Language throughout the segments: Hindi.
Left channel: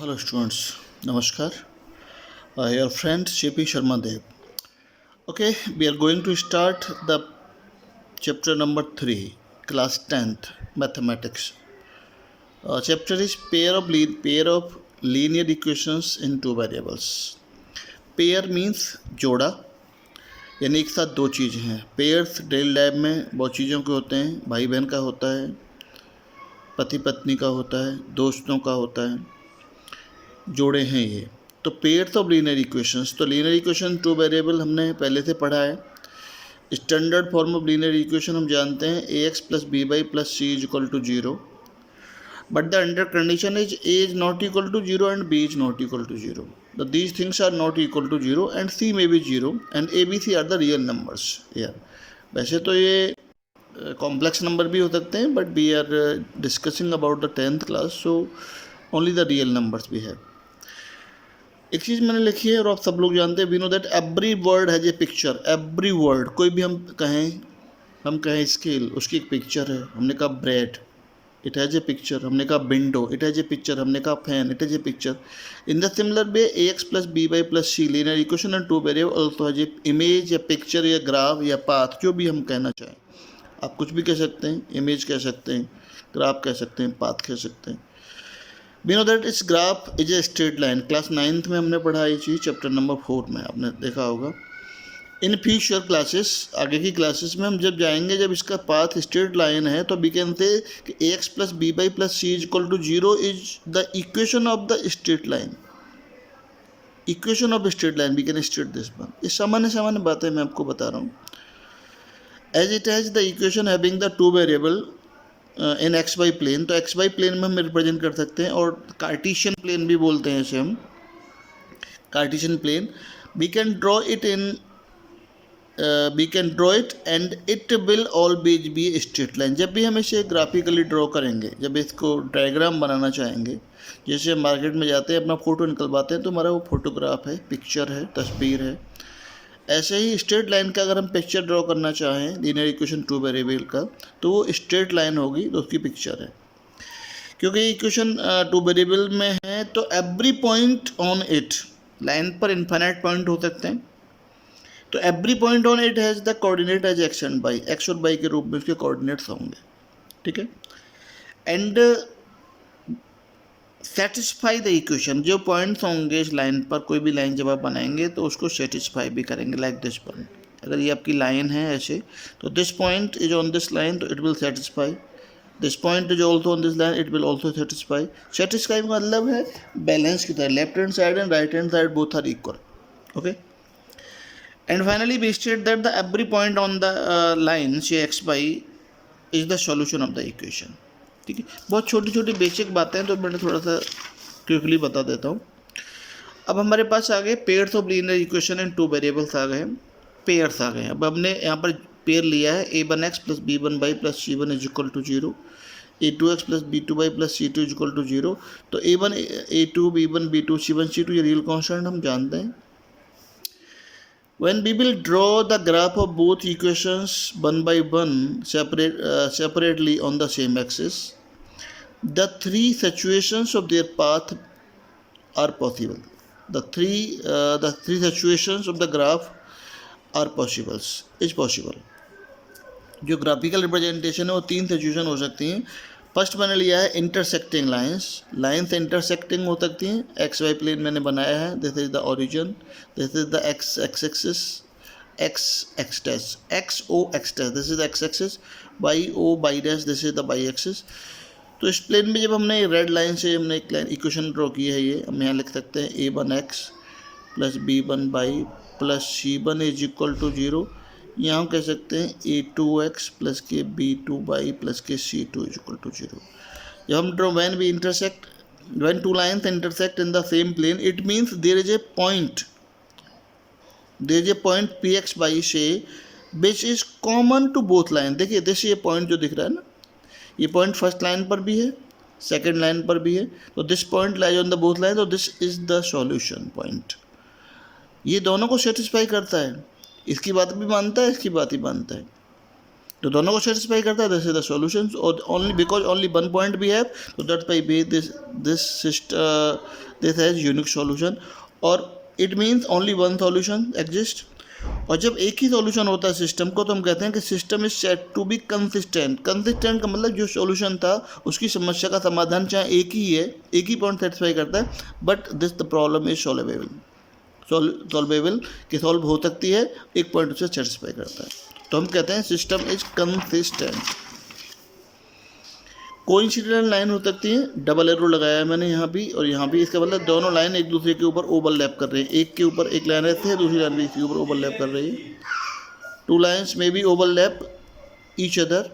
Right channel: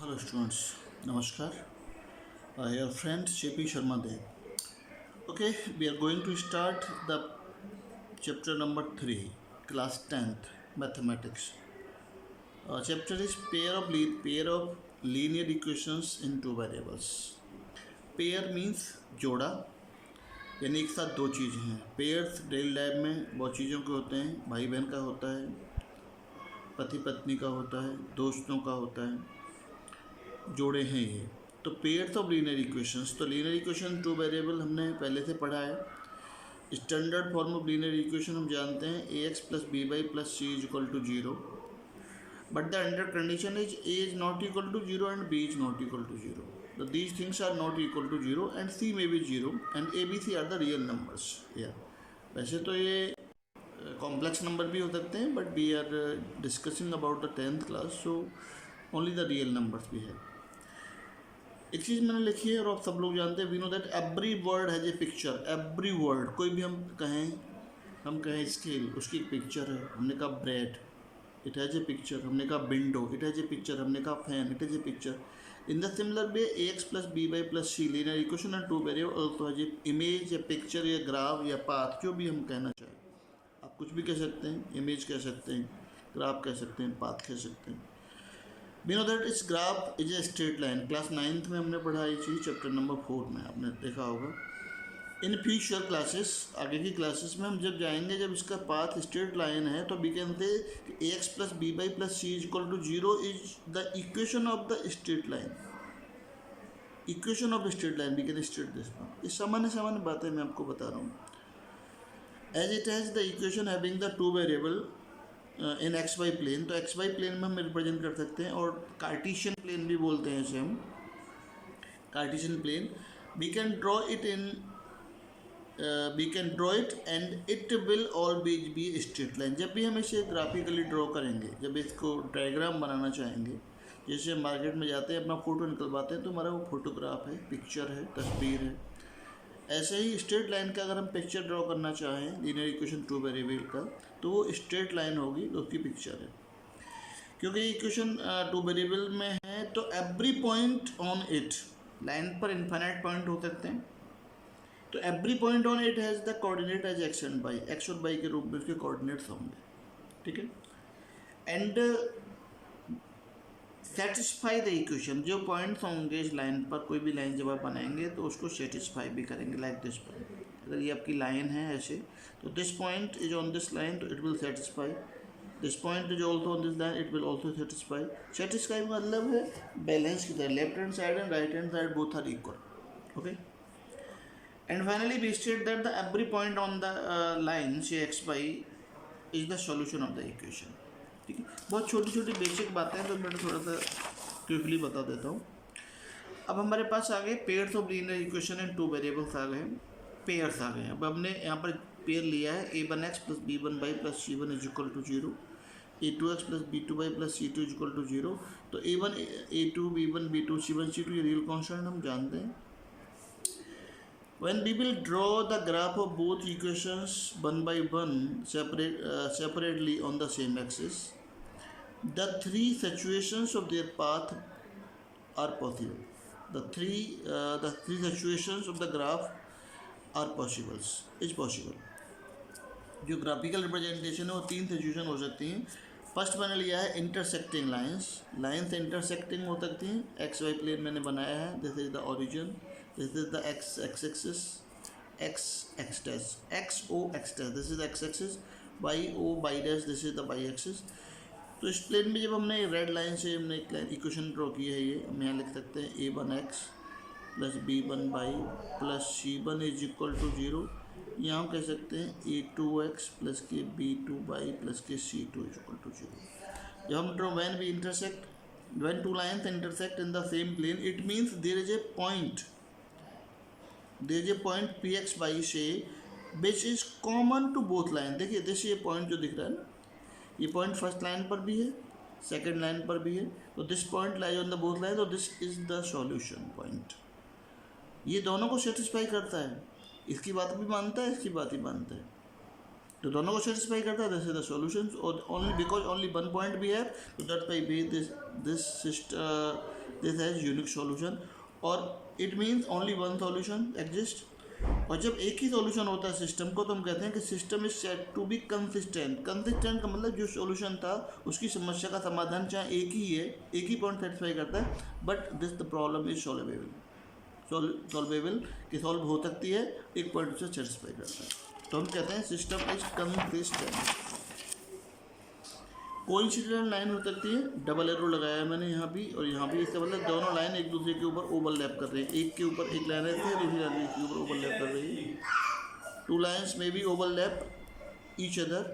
Hello students, Namaskar. Your friend JP Sharma Dev. Okay, we are going to start the chapter number 3, class 10th, mathematics. Chapter is pair of linear equations in two variables. Pair means जोड़ा, यानी एक साथ दो चीज़ें हैं. पेयर्स डेली लाइफ में बहुत चीज़ों के होते हैं. भाई बहन का होता है, पति पत्नी का होता है, दोस्तों का होता है. जोड़े हैं ये. तो पेयर्स ऑफ लीनियर इक्वेशंस, तो लीनियर इक्वेशन टू वेरिएबल हमने पहले से पढ़ा है. Standard form of linear equation हम जानते हैं a x plus b y plus c is equal to zero, but the under condition is a is not equal to zero and b is not equal to zero. These things are not equal to zero and c may be zero and a B C are the real numbers. या वैसे तो ये कॉम्प्लेक्स नंबर भी हो सकते हैं, but we are discussing about the 10th class, so only the real numbers भी है. एक चीज़ मैंने लिखी है और आप सब लोग जानते हैं, we know that every word has a picture. Every word, कोई भी हम कहें स्केल, उसकी एक पिक्चर है. हमने कहा bread, it has a picture. हमने कहा window, it has a picture. हमने कहा fan, it has a picture. In the similar way a x plus b y plus c linear equation and two variable also has a image या पिक्चर या ग्राफ या पाथ, जो भी हम कहना चाहें. आप कुछ भी कह सकते हैं, इमेज कह सकते हैं, ग्राफ कह सकते हैं, पाथ कह सकते हैं. वी नो दैट इस graph is a straight line. Class 9th में हमने पढ़ा ये चीज़, चैप्टर नंबर 4 में आपने देखा होगा. इन फ्यूचर क्लासेस, आगे की क्लासेस में हम जब जाएंगे, जब इसका पाथ स्ट्रेट लाइन है, तो वी कैन से कि a x plus b y plus c is equal to zero is the equation of the straight line. Equation of straight line we can state this one. ये सामान्य बातें मैं आपको बता रहा हूँ. As it has the equation having the two variable in x y plane, तो एक्स वाई प्लेन में हम रिप्रेजेंट कर सकते हैं, और कार्टिशियन प्लेन भी बोलते हैं इसे हम. Cartesian plane we can draw it and it will always be straight line. जब भी हम इसे ग्राफिकली ड्रॉ करेंगे, जब इसको डायग्राम बनाना चाहेंगे, जैसे हम मार्केट में जाते हैं, अपना फ़ोटो निकलवाते हैं, तो हमारा वो फोटोग्राफ है, पिक्चर है, तस्वीर है. ऐसे ही स्ट्रेट लाइन का अगर हम पिक्चर ड्रॉ करना चाहें लीनियर इक्वेशन टू वेरिएबल का, तो वो स्ट्रेट लाइन होगी, तो उसकी पिक्चर है. क्योंकि इक्वेशन टू वेरिएबल में है, तो every point on it, line पर इन्फाइनाइट पॉइंट हो सकते हैं, तो every point on it has the coordinate as x and y. X और वाई के रूप में उसके कोऑर्डिनेट्स होंगे. ठीक है. एंड सेटिस्फाई द इक्वेशन, जो पॉइंट्स होंगे इस लाइन पर, कोई भी लाइन जब आप बनाएंगे तो उसको सेटिस्फाई भी करेंगे. लाइक दिस पॉइंट, अगर ये आपकी लाइन है ऐसे, तो this point is on this line, तो it will satisfy. This point is also on this line, it will also satisfy. Satisfy का मतलब है बैलेंस की तरह, left hand side and right hand side both are equal. Okay. And finally we state that the every point on the line say x y is the solution of the equation. ठीक है. बहुत छोटी छोटी बेसिक बातें हैं, तो मैं थोड़ा सा क्विकली बता देता हूँ. अब हमारे पास आ गए pairs of linear equation and two variables आ गए, पेयर्स आ गए. अब हमने यहाँ पर पेयर लिया है a one x plus b one y plus c one is equal to zero, a two x plus b two y plus c two is equal to zero. तो a one a two b one b two c one c two, ये रियल कॉन्स्टेंट हम जानते हैं. When we will draw the graph of both equations one by one separately on the same axis, the three situations of their path are possible. The three situations of the graph are possible. जो ग्राफिकल रिप्रेजेंटेशन है वो तीन सिचुएशन हो सकती हैं. फर्स्ट मैंने लिया है इंटरसेक्टिंग लाइन्स इंटरसेक्टिंग हो सकती हैं. एक्स वाई प्लेन मैंने बनाया है, this is the origin, this is the x axis, x dash, x O x dash, this is x axis, y O y dash, this is the y axis. तो इस प्लेन में जब हमने रेड लाइन से हमने एक लाइन इक्वेशन ड्रॉ की है, ये हम यहाँ लिख सकते हैं a one x plus b one y plus c one is equal to zero. यहाँ हम कह सकते हैं a two x plus k b two y plus k c two is equal to zero. जब हम draw when two lines intersect in the same plane, it means there is a point px by से which is common to both line. देखिए जैसे ये पॉइंट जो दिख रहा है ना, ये पॉइंट फर्स्ट लाइन पर भी है, सेकेंड लाइन पर भी है, तो this point lies on the both line, तो this is the solution point. ये दोनों को सेटिस्फाई करता है, इसकी बात भी मानता है, इसकी बात ही मानता है. तो दोनों को सेटिस्फाई करता है, दिस इज द सॉल्यूशन। और only because only one point we have, तो that by be this has unique solution, और it means only one solution exist. और जब एक ही सॉल्यूशन होता है सिस्टम को, तो हम कहते हैं कि system is set to be consistent. Consistent का मतलब जो सॉल्यूशन था उसकी समस्या का समाधान चाहे एक ही है, एक ही पॉइंट सेटिस्फाई करता है, but this the problem is solvable, कि सॉल्व हो सकती है, एक पॉइंट उसे सेटिस्फाई करता है, तो हम कहते हैं system is consistent. Coincident line हो सकती है, डबल एरो लगाया है मैंने यहाँ भी और यहाँ भी, इसका मतलब दोनों लाइन एक दूसरे के ऊपर ओवरलैप कर रही है, एक के ऊपर एक लाइन रहती है, दूसरी लाइन भी इसके ऊपर ओवरलैप कर रही है। टू लाइन्स में be overlap each other.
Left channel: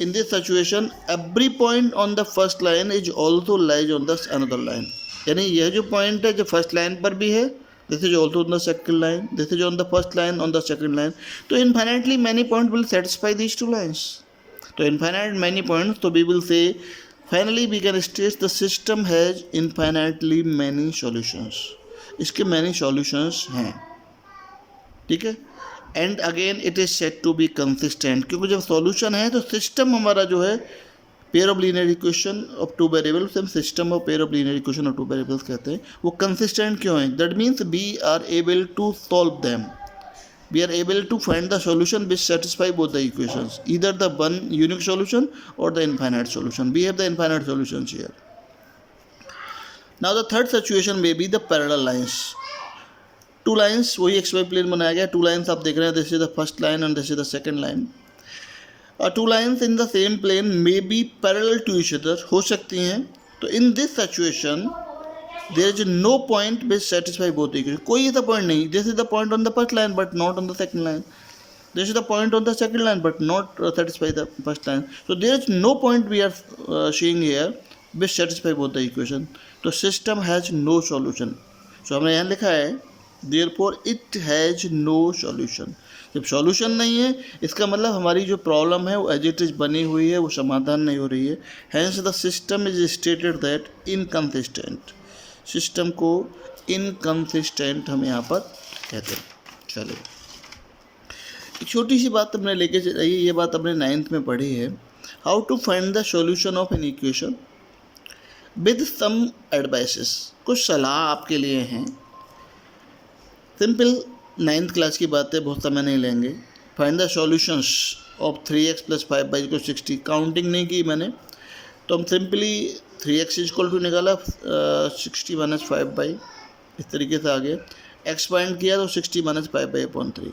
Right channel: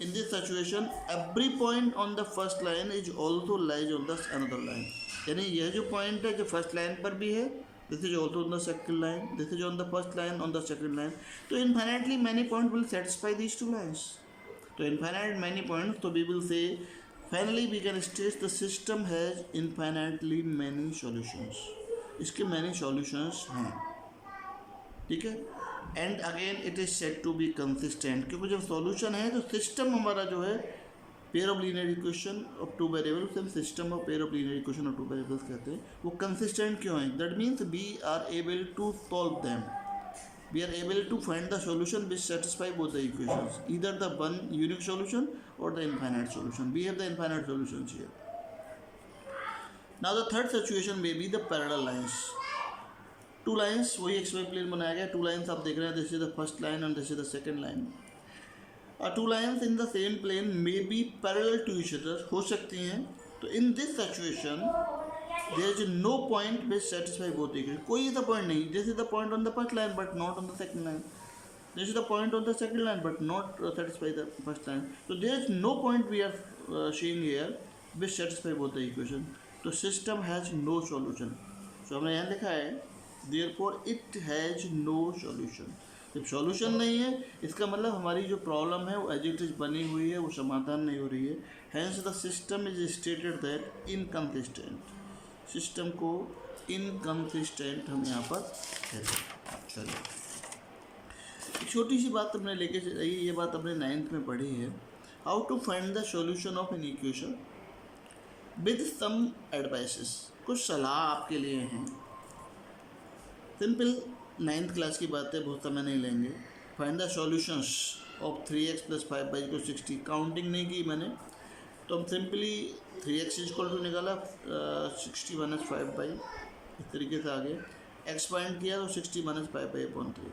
In this situation every point on the first line is also lies on the another line, यानी यह जो पॉइंट है जो फर्स्ट लाइन पर भी है, this is also on the second line, this is on the first line on the second line, तो infinitely many point will satisfy these two lines. तो infinite many points, तो we will say finally we can state the system has infinitely many solutions, इसके many solutions हैं, ठीक है। And again it is set to be consistent, क्योंकि जब सॉल्यूशन है तो सिस्टम हमारा जो है pair of linear equation of two variables, हम system of pair of linear equation of two variables कहते हैं, वो कंसिस्टेंट क्यों है? That means we are able to solve them, we are able to find the solution which satisfy both the equations, either the one unique solution or the infinite solution. We have the infinite solutions here. Now the third situation may be the parallel lines. Two lines, वही xy plane बनाया गया, two lines आप देख रहे हैं, this is the first line and this is the second line. Two lines in the same plane may be parallel to each other, हो सकती हैं, तो in this situation there is no point which satisfy both equations, कोई ऐसा पॉइंट नहीं, this is the point on the first line but not on the second line, this is the point on the second line but not satisfy the first line, so there is no point we are seeing here which satisfy both the equation, तो system has no solution, so हमने यहाँ लिखा है therefore it has no solution। जब सॉल्यूशन नहीं है इसका मतलब हमारी जो प्रॉब्लम है वो एज इट इज बनी हुई है, वो समाधान नहीं हो रही है, hence the system is stated that inconsistent, system को इनकंसिस्टेंट हम यहाँ पर कहते हैं। चलो एक छोटी सी बात हमने लेके चलिए, ये बात हमने 9th में पढ़ी है, how to find the solution of an equation with some advices, कुछ सलाह आपके लिए हैं, सिंपल 9th क्लास की बात है, बहुत समय नहीं लेंगे। Find the solutions of 3x + 5y = 60, counting नहीं की मैंने, तो हम सिंपली 3x = निकाला 60 - 5y, इस तरीके से आ गया, x फाइंड किया तो 60 - 5y/3।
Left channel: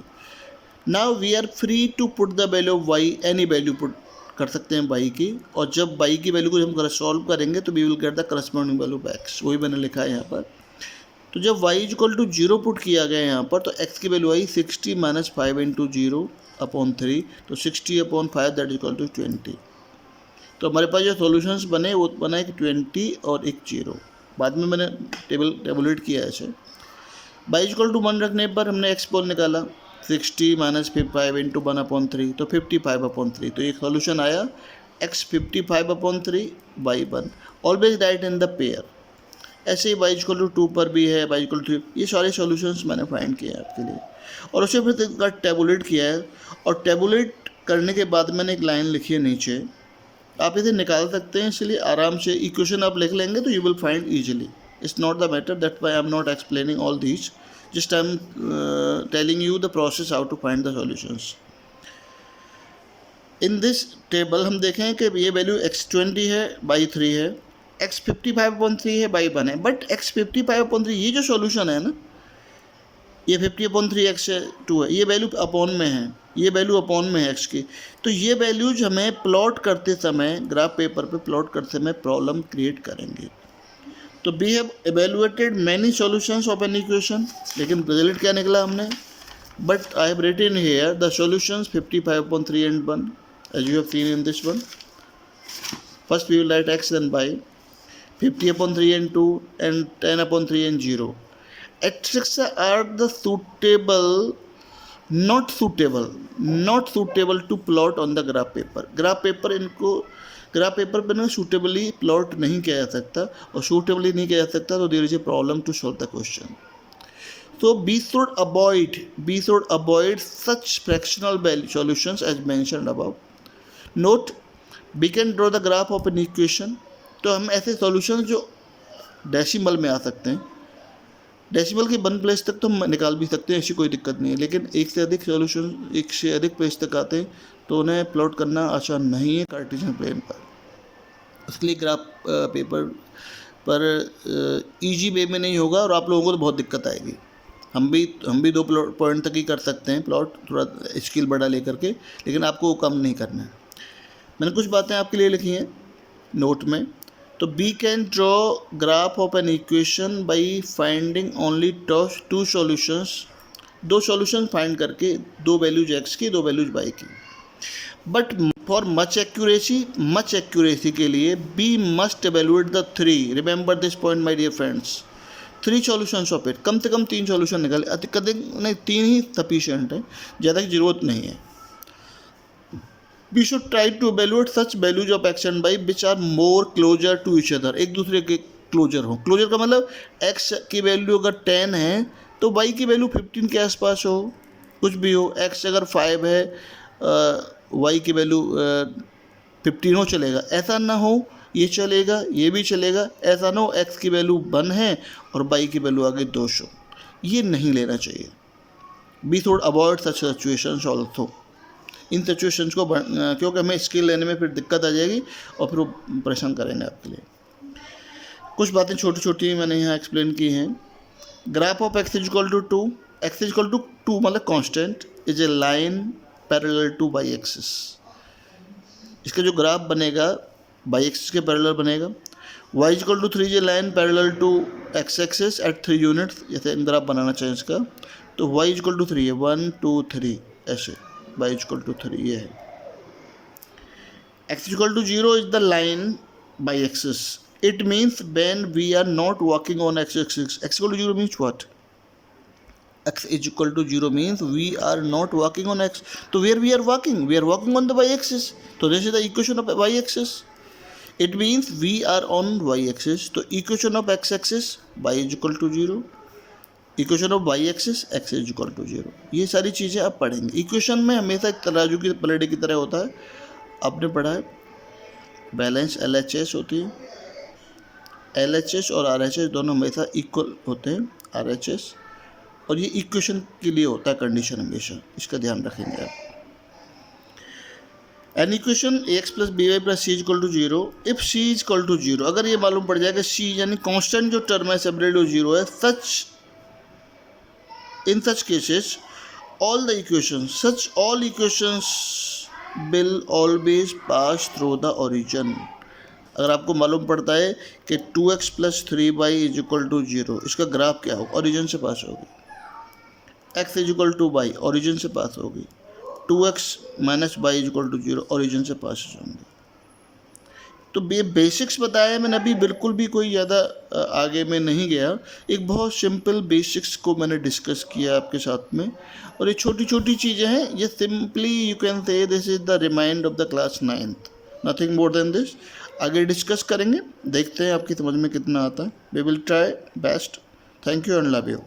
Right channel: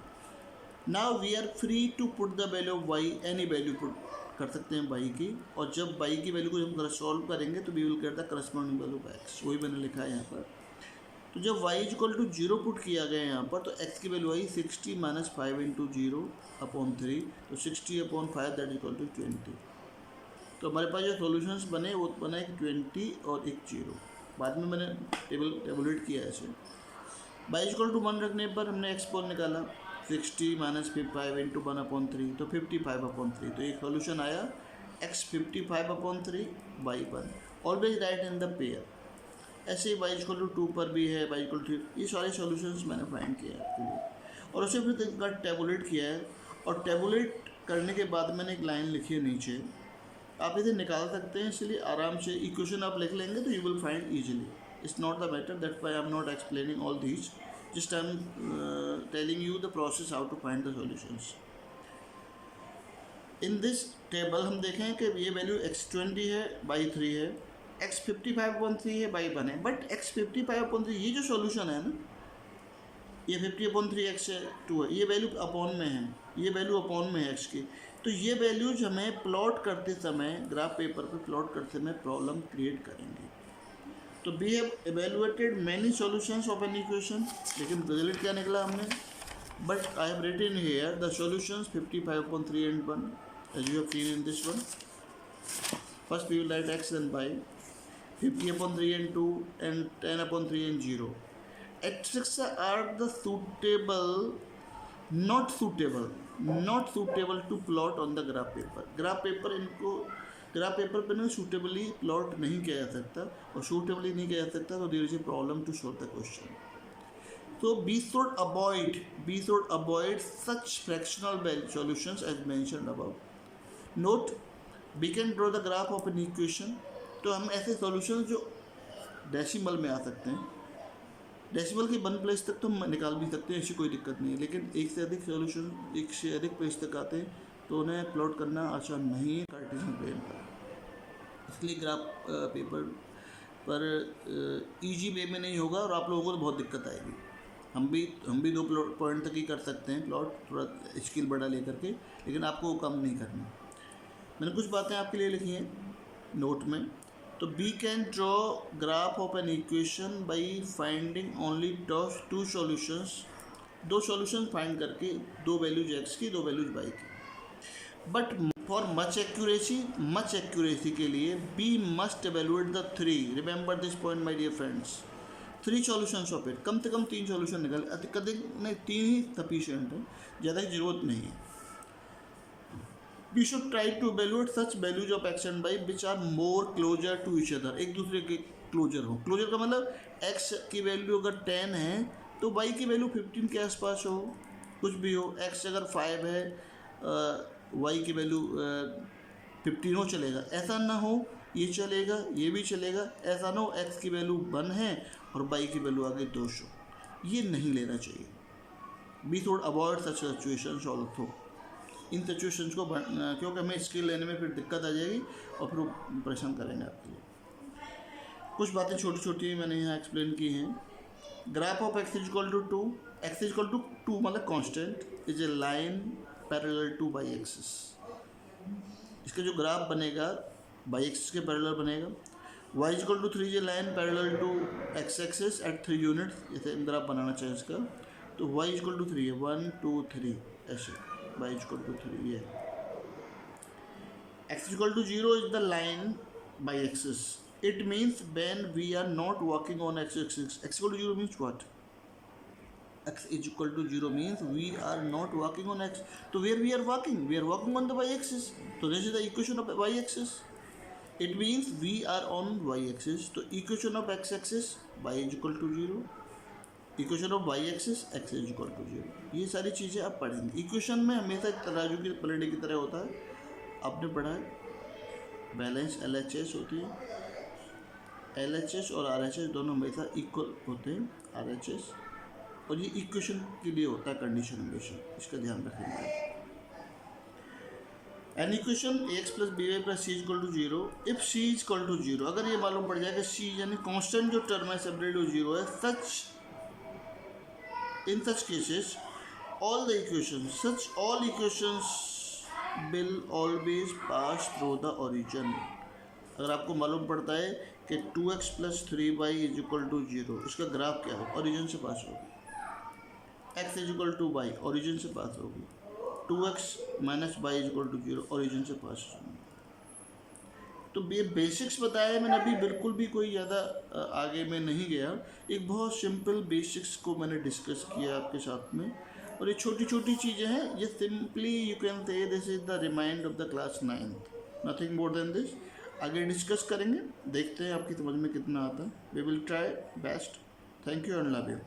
Now we are free to put the value of y, any value put कर सकते हैं y की, और जब y की वैल्यू को हम सॉल्व करेंगे तो we will get the corresponding value of x, वही मैंने लिखा है यहाँ पर। तो जब y = 0 पुट किया गया यहाँ पर, तो x की वैल्यू आई 60 - 5 × 0/3, तो 60/5 दैट इक्वल टू 20। तो हमारे पास जो सॉल्यूशंस बने वो बना एक 20 और एक 0, बाद में मैंने टेबुलेट किया ऐसे। y = 1 रखने पर हमने x पोल निकाला, 60 - 5 × 1/3, तो 55/3, तो एक सॉल्यूशन आया x 55/3 y 1, always right in the pair. ऐसे ही y = 2 पर भी है, y = 3, ये सारे सॉल्यूशंस मैंने फाइंड किए हैं आपके लिए, और उसे फिर इसका टेबुलेट किया है, और टेबुलेट करने के बाद मैंने एक लाइन लिखी है नीचे, आप इसे निकाल सकते हैं, इसलिए आराम से इक्वेशन आप लिख लेंगे तो you will find easily, it's not the matter, that why I am not explaining all these, just I am telling you the process how to find the solutions. In this table हम देखें कि ये वैल्यू x20 है, y 3 है, x 55/3 है, y 1 है, बट x 55/3 ये जो सॉल्यूशन है ना, ये 50/3 x 2 है, ये वैल्यू अपॉन में है, ये वैल्यू अपॉन में है x की, तो ये वैल्यूज हमें प्लॉट करते समय, ग्राफ पेपर पे प्लॉट करते समय प्रॉब्लम क्रिएट करेंगे। तो we have evaluated many solutions of an equation, लेकिन रिजल्ट क्या निकला हमने, but I have written here the solutions 55/3 and 1 as you have seen in this one. First we will write x then y, 50/3 and 2 and 10/3 and 0. X are the not suitable to plot on the graph paper. Graph paper पर ना सूटेबली प्लॉट नहीं किया जा सकता, और सूटेबली नहीं किया जा सकता तो there is a problem to solve the question. So B should avoid such fractional value solutions as mentioned above. Note, we can draw the graph of an equation. तो हम ऐसे सॉल्यूशन जो डेसिमल में आ सकते हैं, डेसिमल के 1 प्लेस तक तो हम निकाल भी सकते हैं, ऐसी कोई दिक्कत नहीं है, लेकिन एक से अधिक प्लेस तक आते हैं तो उन्हें प्लॉट करना आसान नहीं है कार्टेशियन प्लेन पर। उसके लिए ग्राफ पेपर पर इजी वे में नहीं होगा और आप लोगों को तो बहुत दिक्कत आएगी। हम भी 2 पॉइंट तक ही कर सकते हैं प्लॉट, थोड़ा स्किल बड़ा लेकर के, लेकिन आपको वो कम नहीं करना है। मैंने कुछ बातें आपके लिए लिखी हैं नोट में। तो we can draw graph of an equation by finding only 2 solutions, 2 solution find करके, 2 वैल्यूज एक्स की 2 वैल्यूज वाई की। बट फॉर मच एक्यूरेसी के लिए we must evaluate the 3, remember this point my dear friends, 3 solutions of it, कम से कम 3 सॉल्यूशन निकाले, अधिक नहीं 3 ही सफिशिएंट है, ज़्यादा की जरूरत नहीं है। We should try to evaluate such values of x and y which are more closer to each other, एक दूसरे के क्लोजर हो। क्लोजर का मतलब x की वैल्यू अगर 10 है तो y की वैल्यू 15 के आसपास हो, कुछ भी हो। x अगर 5 है, y की वैल्यू 15 हो, चलेगा। ऐसा ना हो, ये चलेगा, ये भी चलेगा। ऐसा ना हो x की वैल्यू 1 है और y की वैल्यू आगे 2 हो, ये नहीं लेना चाहिए। We should avoid such situations also, in situations को, क्योंकि हमें स्किल लेने में फिर दिक्कत आ जाएगी और फिर वो परेशान करेंगे आपके लिए। कुछ बातें छोटी छोटी मैंने यहाँ एक्सप्लेन की हैं। Graph of x equal to 2, x equal to 2 मतलब constant, is a line parallel to y axis. इसका जो ग्राफ बनेगा वाई एक्सिस के पैरेलल बनेगा। y equal to 3 is a line parallel to x axis at 3 units, जैसे ग्राफ बनाना चाहिए इसका। तो y इक्वल टू 3 है, 1 2 3 ऐसे, y इक्वल टू 3 ये है। x equal to 0 is the line y axis, it means when we are not working on x axis. x equal to 0 means what? x is equal to 0 means we are not working on x. So where we are working on the y axis. So this is the equation of y axis. It means we are on y axis. So equation of x axis, y is equal to 0. Equation of y axis x is equal to 0। ये सारी चीज़ें आप पढ़ेंगे। इक्वेशन में हमेशा एक तराजू की पलड़े की तरह होता है, आपने पढ़ा है। बैलेंस LHS होती है, LHS और RHS दोनों हमेशा इक्वल होते हैं, RHS, और ये इक्वेशन के लिए होता है कंडीशन हमेशा, इसका ध्यान रखेंगे आप। An equation AX plus BY plus C equal to 0, if C equal to 0, अगर ये मालूम पड़ जाएगा C यानी कॉन्स्टेंट जो टर्म है सेपरेट 0 है, in such cases all equations will always pass through the origin। अगर आपको मालूम पड़ता है कि 2x plus 3y is equal to 0, इसका ग्राफ क्या होगा? ओरिजिन से पास होगी। x is equal to y, origin से पास होगी। 2x minus y is equal to 0, origin से पास होंगे। तो ये बेसिक्स बताया मैंने, अभी बिल्कुल भी कोई ज़्यादा आगे में नहीं गया। एक बहुत सिंपल बेसिक्स को मैंने डिस्कस किया आपके साथ में, और ये छोटी छोटी चीज़ें हैं। ये simply you can say this is the remind of the class 9th, nothing more than this. आगे डिस्कस करेंगे, देखते हैं आपकी समझ में कितना आता है। We will try best. Thank you and love you.